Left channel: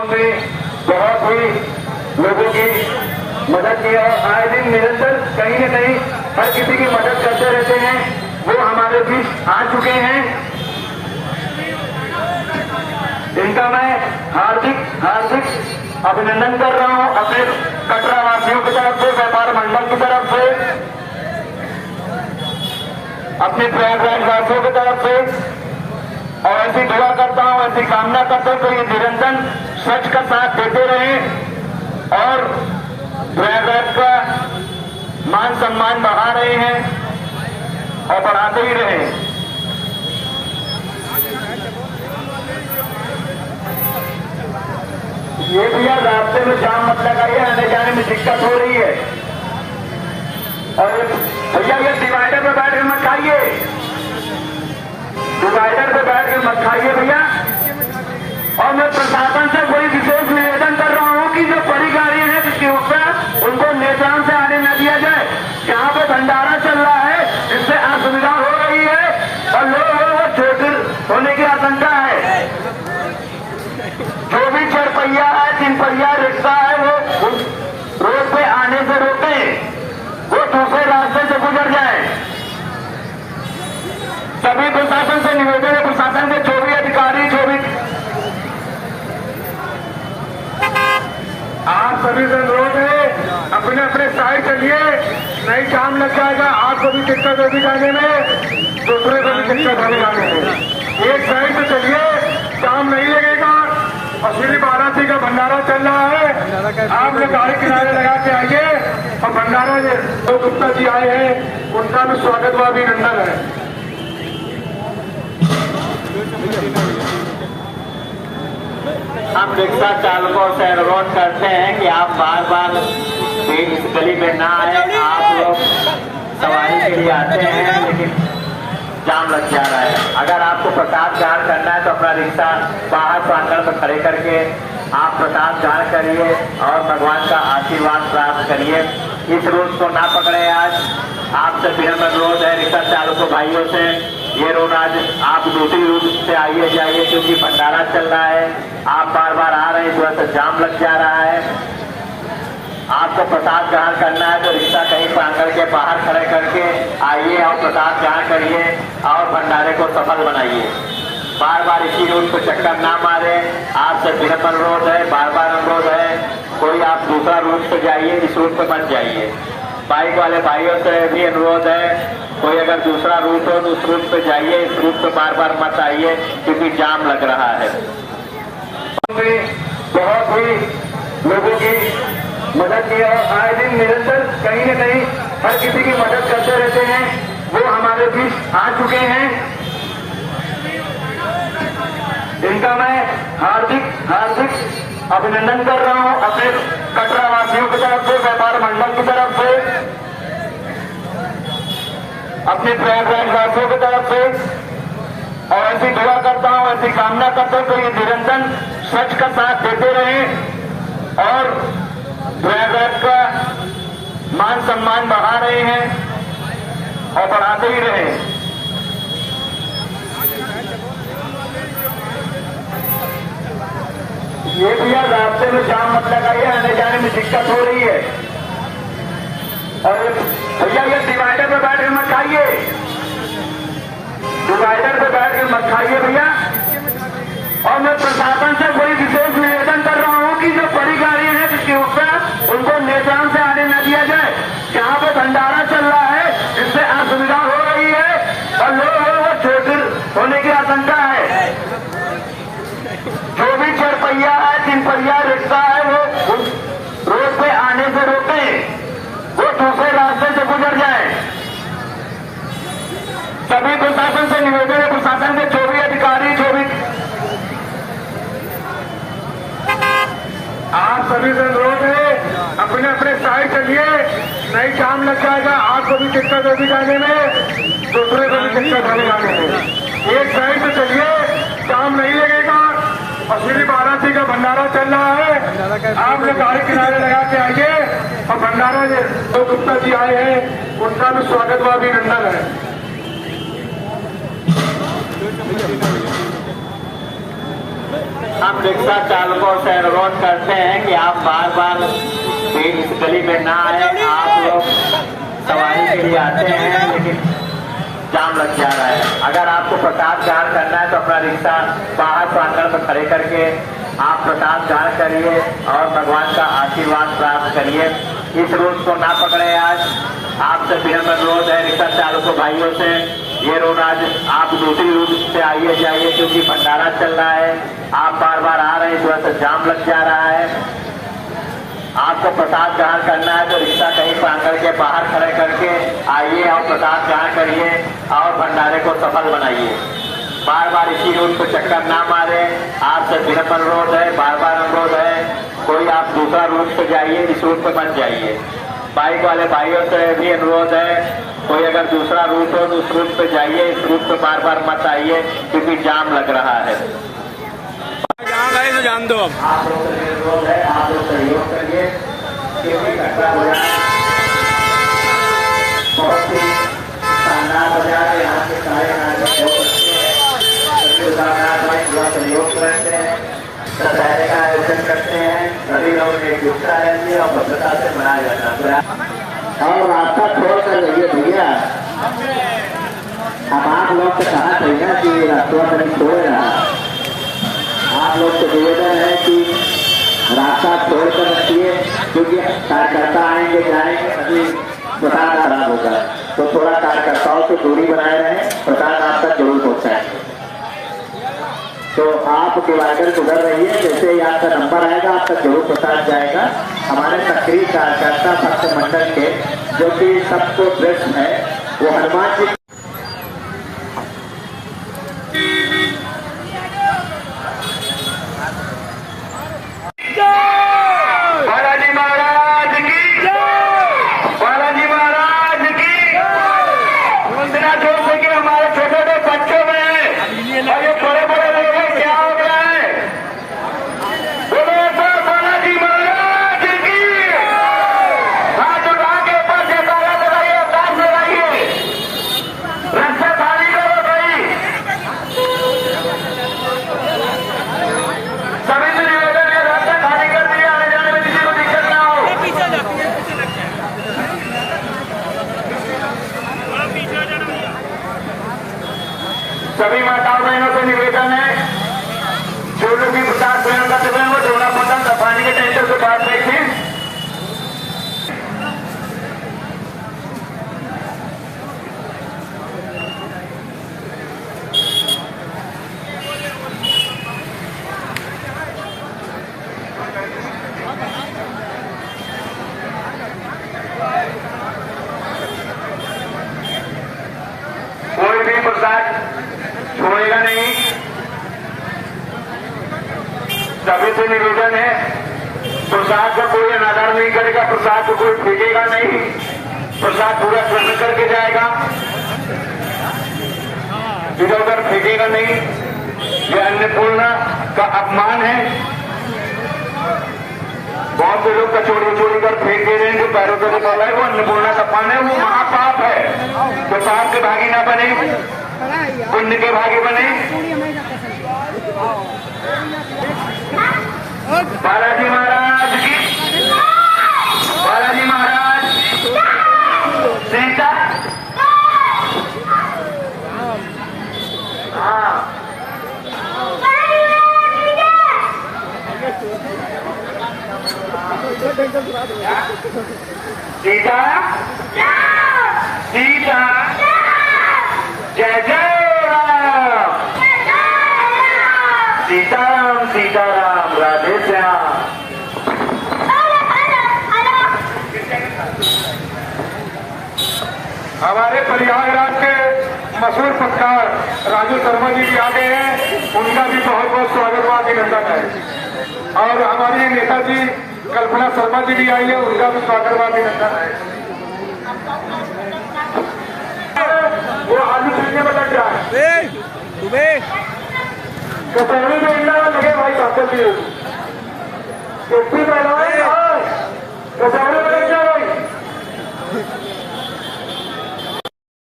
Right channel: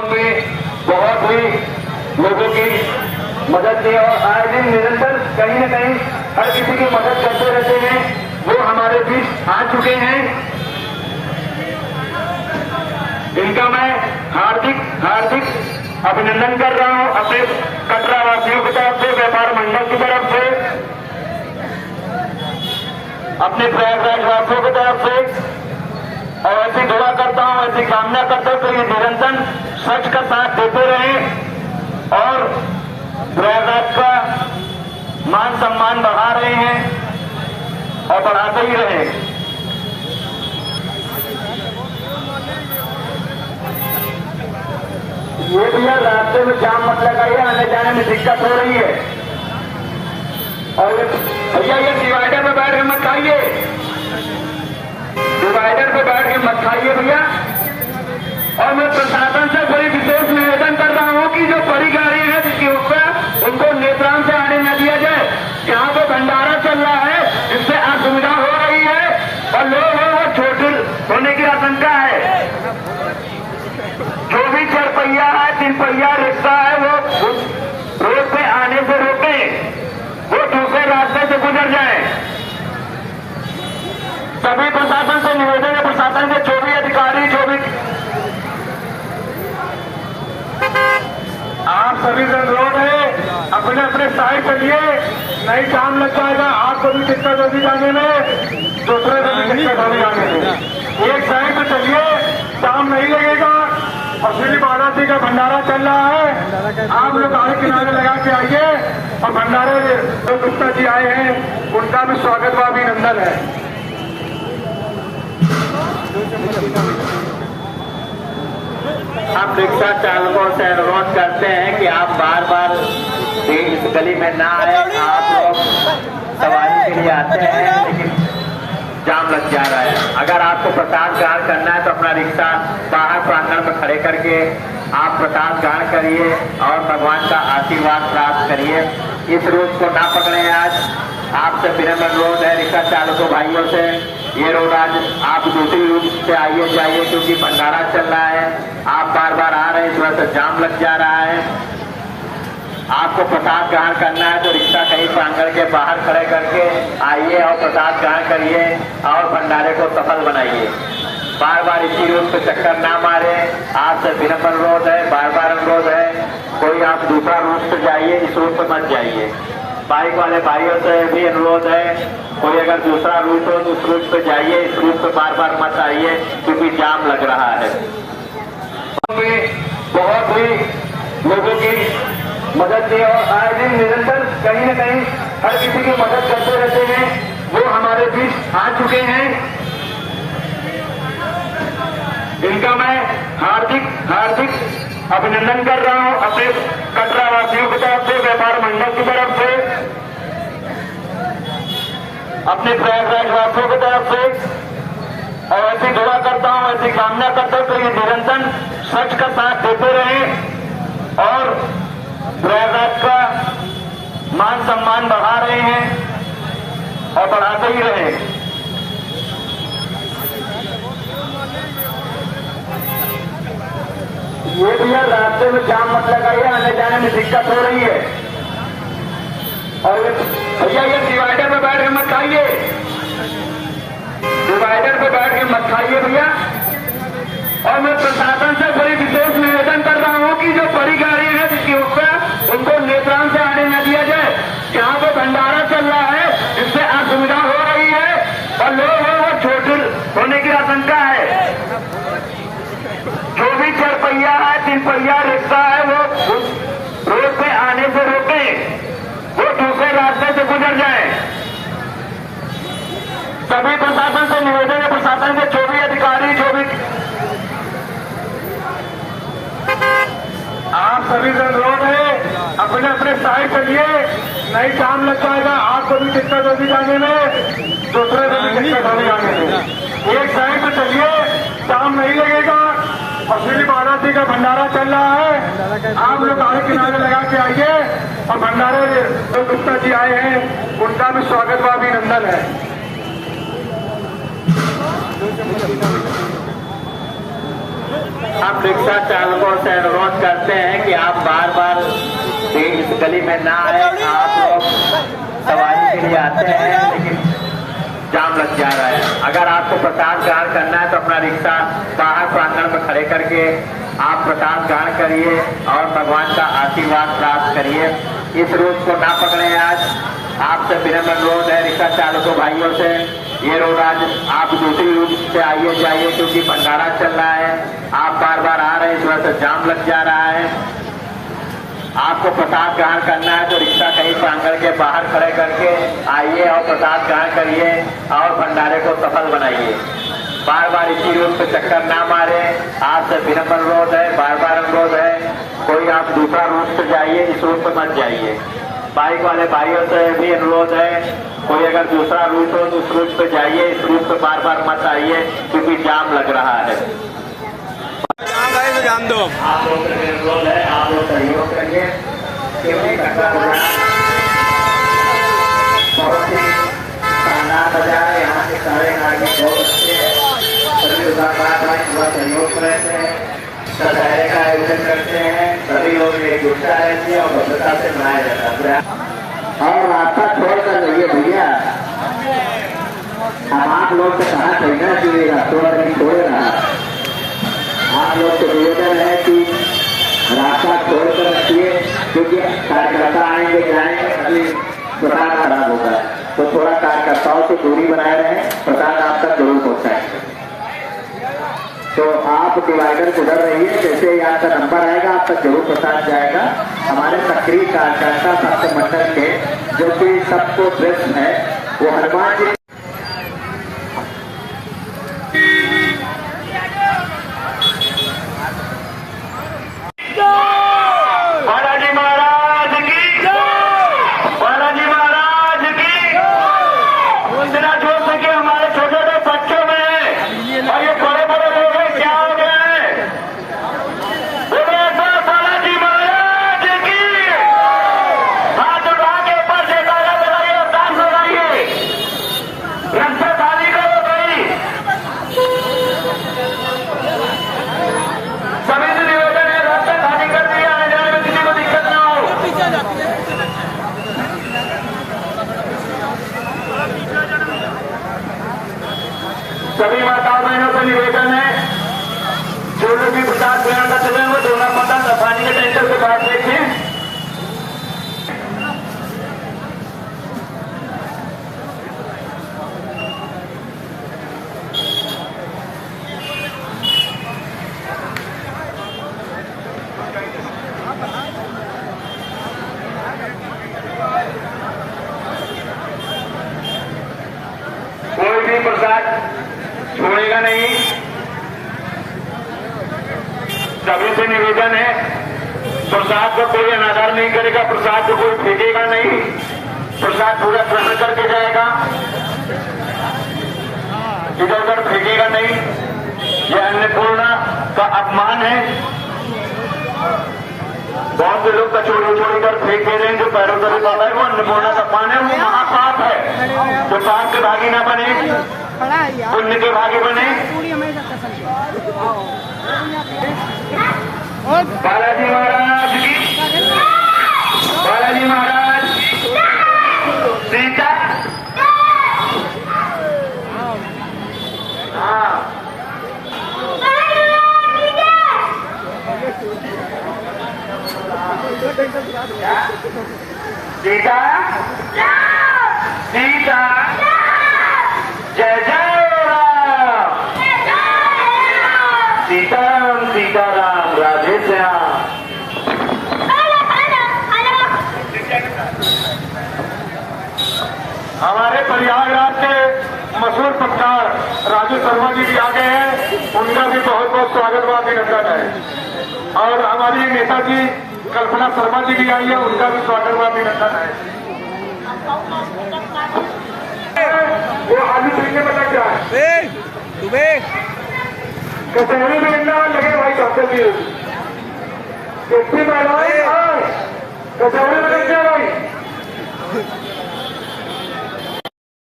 बहुत ही लोगों की मदद की और आए दिन निरंतर कहीं न कहीं हर किसी की मदद करते रहते हैं। वो हमारे बीच आ चुके हैं। इनका मैं हार्दिक अभिनंदन कर रहा हूं अपने कटरा वासियों की तरफ से, व्यापार मंडल की तरफ से, अपने प्रयागराज वासियों की तरफ से। और ऐसी दुआ करता हूं, ऐसी कामना करता हूं तो ये निरंतर स्वच्छ का साथ देते रहें और प्रयागराज का मान सम्मान बढ़ा रहे हैं और बढ़ाते ही रहें। ये भैया रास्ते में जाम मत लगाइए, आने जाने में दिक्कत हो रही है। और भैया ये डिवाइडर पे बैठ के मत खाइए, डिवाइडर पे बैठ के मत खाइए भैया। और मैं प्रशासन से बड़ी विशेष निवेदन कर रहा हूं कि जो बड़ी गाड़ी है जिसके ऊपर उनको नेत्रांत से आने न दिया जाए। जहां पे भंडारा चल रहा है इससे असुविधा हो रही है और लोग वो चोट होने की आशंका है। जो भी 4 पहिया है, 3 पहिया रिक्शा है, वो रोड पे आने से रोके, वो दूसरे रास्ते से गुजर जाए। सभी प्रशासन से निवेदन है, प्रशासन के जो भी अधिकारी, जो भी आप सभी से अनुरोध है अपने अपने साइड चलिए, नहीं जाम लग जाएगा। आपको भी दिक्कत होगी जाने में, दूसरे को भी दिक्कत होगी जाने में। एक साइड पे चलिए, जाम नहीं लगेगा। और श्री बाराती का भंडारा चल रहा है, आप लोग गाड़ी किनारे लगा के आइए। और भंडारा जो गुप्ता जी आए हैं उनका भी स्वागत व अभिनंदन है। हम रिक्शा चालकों से अनुरोध करते हैं कि आप बार बार इस गली में ना आए। आप लोग सवारी के लिए आते हैं लेकिन जाम लग जा रहा है। अगर आपको प्रसाद ग्रहण करना है तो अपना रिक्शा बाहर प्रांगण में खड़े करके आप प्रसाद ग्रहण करिए और भगवान का आशीर्वाद प्राप्त करिए। इस रोड को ना पकड़े। आज आपसे विनम्र अनुरोध है रिक्शा चालकों भाइयों से, ये रोड आज आप दूसरी रूट से आइए जाइए क्योंकि भंडारा चल रहा है। आप बार बार आ रहे हैं, थोड़ा सा जाम लग जा रहा है। आपको प्रसाद ग्रहण करना है तो रिक्शा कहीं प्रांगण के बाहर खड़े करके आइए और प्रसाद ग्रहण करिए और भंडारे को सफल बनाइए। बार बार इसी रूट पे चक्कर ना मारे। आपसे विनम्र अनुरोध है, बार बार अनुरोध है, कोई आप दूसरा रूट से जाइए, इस रूट पे मत जाइए। बाइक वाले भाइयों से भी अनुरोध है, कोई अगर दूसरा रूट हो तो उस रूट पे जाइए, इस रूट पे बार बार मत आइए क्योंकि जाम लग रहा है। बहुत ही लोगों की मदद की और आए दिन निरंतर कहीं न कहीं हर किसी की मदद करते रहते हैं। वो हमारे बीच आ चुके हैं। इनका मैं हार्दिक अभिनंदन कर रहा हूं अपने कटरा वासियों की तरफ से, व्यापार मंडल की तरफ से, अपने प्रयागराज वासियों की तरफ से। और ऐसी दुआ करता हूं, ऐसी कामना करता हूं तो ये निरंतर स्वच्छ का साथ देते रहें और प्रयागराज का मान सम्मान बढ़ा रहे हैं और बढ़ाते ही रहें। ये भैया रास्ते में जाम मत लगाइए, आने जाने में दिक्कत हो रही है। और भैया ये डिवाइडर पे बैठ के मत खाइए, डिवाइडर पे बैठ के मत खाइए भैया। और मैं प्रशासन से बड़ी विशेष निवेदन कर रहा हूं कि जो बड़ी गाड़ी है जिसके ऊपर उनको नेत्रांत से आने न दिया जाए। जहां पे भंडारा चल रहा है इससे असुविधा हो रही है और लोग वो चोट होने की आशंका है। जो भी 4 पहिया है, 3 पहिया रिक्शा है, वो रोड पे आने से रोके, वो दूसरे रास्ते से गुजर जाए। सभी प्रशासन से निवेदन है, प्रशासन के जो भी अधिकारी, जो भी आप सभी से अनुरोध है अपने अपने साइड चलिए, नहीं जाम लग जाएगा। आपको भी दिक्कत होगी जाने में, दूसरे को भी दिक्कत होगी जाने में। एक साइड पे चलिए, जाम नहीं लगेगा। और श्री बाराती का भंडारा चल रहा है, आप लोग गाड़ी किनारे लगा के आइए। और भंडारा जो गुप्ता जी आए हैं उनका भी स्वागत व अभिनंदन है। आप रिक्शा चालकों से गली में ना आए। आप लोग सवारी के लिए आते हैं लेकिन जाम लग जा रहा है। अगर आपको प्रसाद ग्रहण करना है तो अपना रिक्शा बाहर प्रांगण में खड़े करके आप प्रसाद ग्रहण करिए और भगवान का आशीर्वाद प्राप्त करिए। इस रोड को ना पकड़े। आज आपसे विनम्र अनुरोध है रिक्शा चालकों भाइयों से, ये रोड आज आप दूसरी रूट से आइए जाइए, क्योंकि भंडारा चल रहा है। आप बार बार आ रहे हैं, इस वजह से जाम लग जा रहा है। आपको प्रसाद ग्रहण करना है तो रिक्शा कहीं प्रांगण के बाहर खड़े करके आइए और प्रसाद ग्रहण करिए और भंडारे को सफल बनाइए। बार बार इसी रूट पे चक्कर ना मारे। आपसे विनम्र अनुरोध है, बार बार अनुरोध है, कोई आप दूसरा रूट से जाइए, इस रूट पे मत जाइए। बाइक वाले भाइयों से भी अनुरोध है, कोई अगर दूसरा रूट हो तो उस रूट पे जाइए, इस रूट पे बार बार मत आइए क्योंकि जाम लग रहा है। जान दो आप लोग सहयोग करिए। बहुत ही शानदार बाजार है, यहाँ के सारे नागरिक बहुत अच्छे हैं, सभी दुकानदार बहुत सहयोग करते हैं, दशहरे का आयोजन करते हैं, सभी लोग एकजुटता रहती है और भद्रता से मनाया जाता है। और रास्ता छोड़ कर रहिए भैया, अब आप लोग को कहा चाहिए कि रास्ता कहीं छोड़े रहा। आप लोग को निवेदन है कि रास्ता छोड़कर रखिए, क्योंकि कार्यकर्ता आएंगे जाएंगे, अभी प्रसाद खराब होगा। तो थोड़ा कार्यकर्ताओं से दूरी बनाए रहे, प्रसाद आप तक जरूर पहुंचाएंगे। तो आप डिवाइडर गुजर रहिए, जैसे ही आपका नंबर आएगा आप तक जरूर प्रसाद जाएगा। हमारे सक्रिय कार्यकर्ता भक्त मंडल के जो कि सबको ड्रेस है वो हनुमान जी बालाजी महाराज की, बालाजी महाराज की वंदना। छोड़ सके हमारे छोटे छोटे बच्चों में ये बड़े बड़े लोग हैं, क्या हो गया है? बोलो बालाजी महाराज की। हाथ उठा के ऊपर से ताला लगाइए, ताल लगाइए, रास्ता खाली करो भाई। सभी से निवेदन है, रास्ता खाली कर दिया, आने जाने में किसी को दिक्कत ना हो। सभी माताओं बहनों से निवेदन है, जो लोग भी प्रसाद ग्रहण कर चुके हैं वो डोला पतंग पानी के टैंकर से बाहर देखिए। कोई भी प्रसाद छोड़ेगा नहीं। सभी से निवेदन है, प्रसाद को कोई अनादर नहीं करेगा, प्रसाद को कोई फेंकेगा नहीं, प्रसाद पूरा ग्रहण करके जाएगा, इधर उधर फेंकेगा नहीं। यह अन्नपूर्णा का अपमान है। बहुत से लोग कचौड़ी उचौड़ी कर फेंक दे रहे हैं, जो पैरों को निकाल रहा है वो अन्नपूर्णा का अपमान है, वो महापाप है। तो पाप के भागी ना बने, पुण्य के भागी बने। बालाजी महाराज की, बालाजी महाराज सीता। हाँ सीता, सीता, जय जय राम, सीताराम सीताराम, राधे श्याम। हमारे प्रयागराज के मशहूर पत्रकार राजू शर्मा जी आ गए हैं, उनका भी बहुत बहुत स्वागत व अभिनंदन है। और हमारी नेताजी कल्पना शर्मा जी भी आई है, उनका भी स्वागत व अभिनंदन है। वो आलू खरीदने में लग जाए, कचहरी में इतना लगे भाई डॉक्टर जी, कुर्सी पहनाए कचहरी में लग जाए भाई।